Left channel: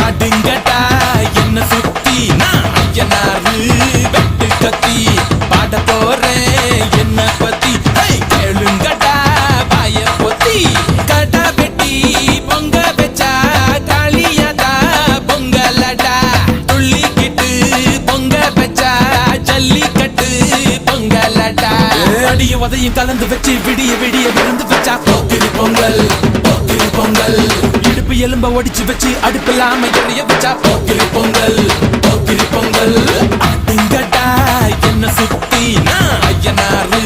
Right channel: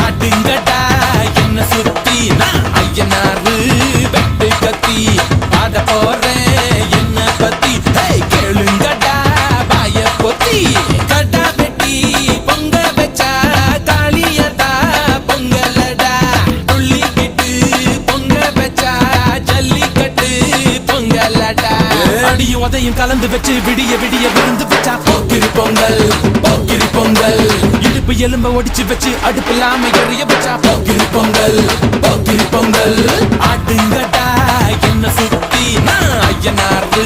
ஆடுங்கடா என்ன சுத்தி நான் ஐயனாரு வெட்டு கத்தி பாட போறேன் என்ன பத்தி கேளுங்கடா பாய பொத்தி கடா வெட்டி பொங்க வச்சா காளியதா பொங்கலடா துள்ளிக்கிட்டு பொங்க வச்சா ஜல்லிக்கட்டு பொங்கலடா அடியும் உதையும் கலந்து வச்சு விடிய விடிய விருந்து வச்சா போக்கிரி பொங்கல் போக்கிரி பொங்கல் இடுப்பு எலும்ப ஒடிச்சு வச்சு அடுப்பில்லாம எறிய வச்சா போக்கிரி பொங்கல் போக்கிரி பொங்கல் ஆட்டுங்கட்டா என்ன சுத்தி நான் ஐயனாரு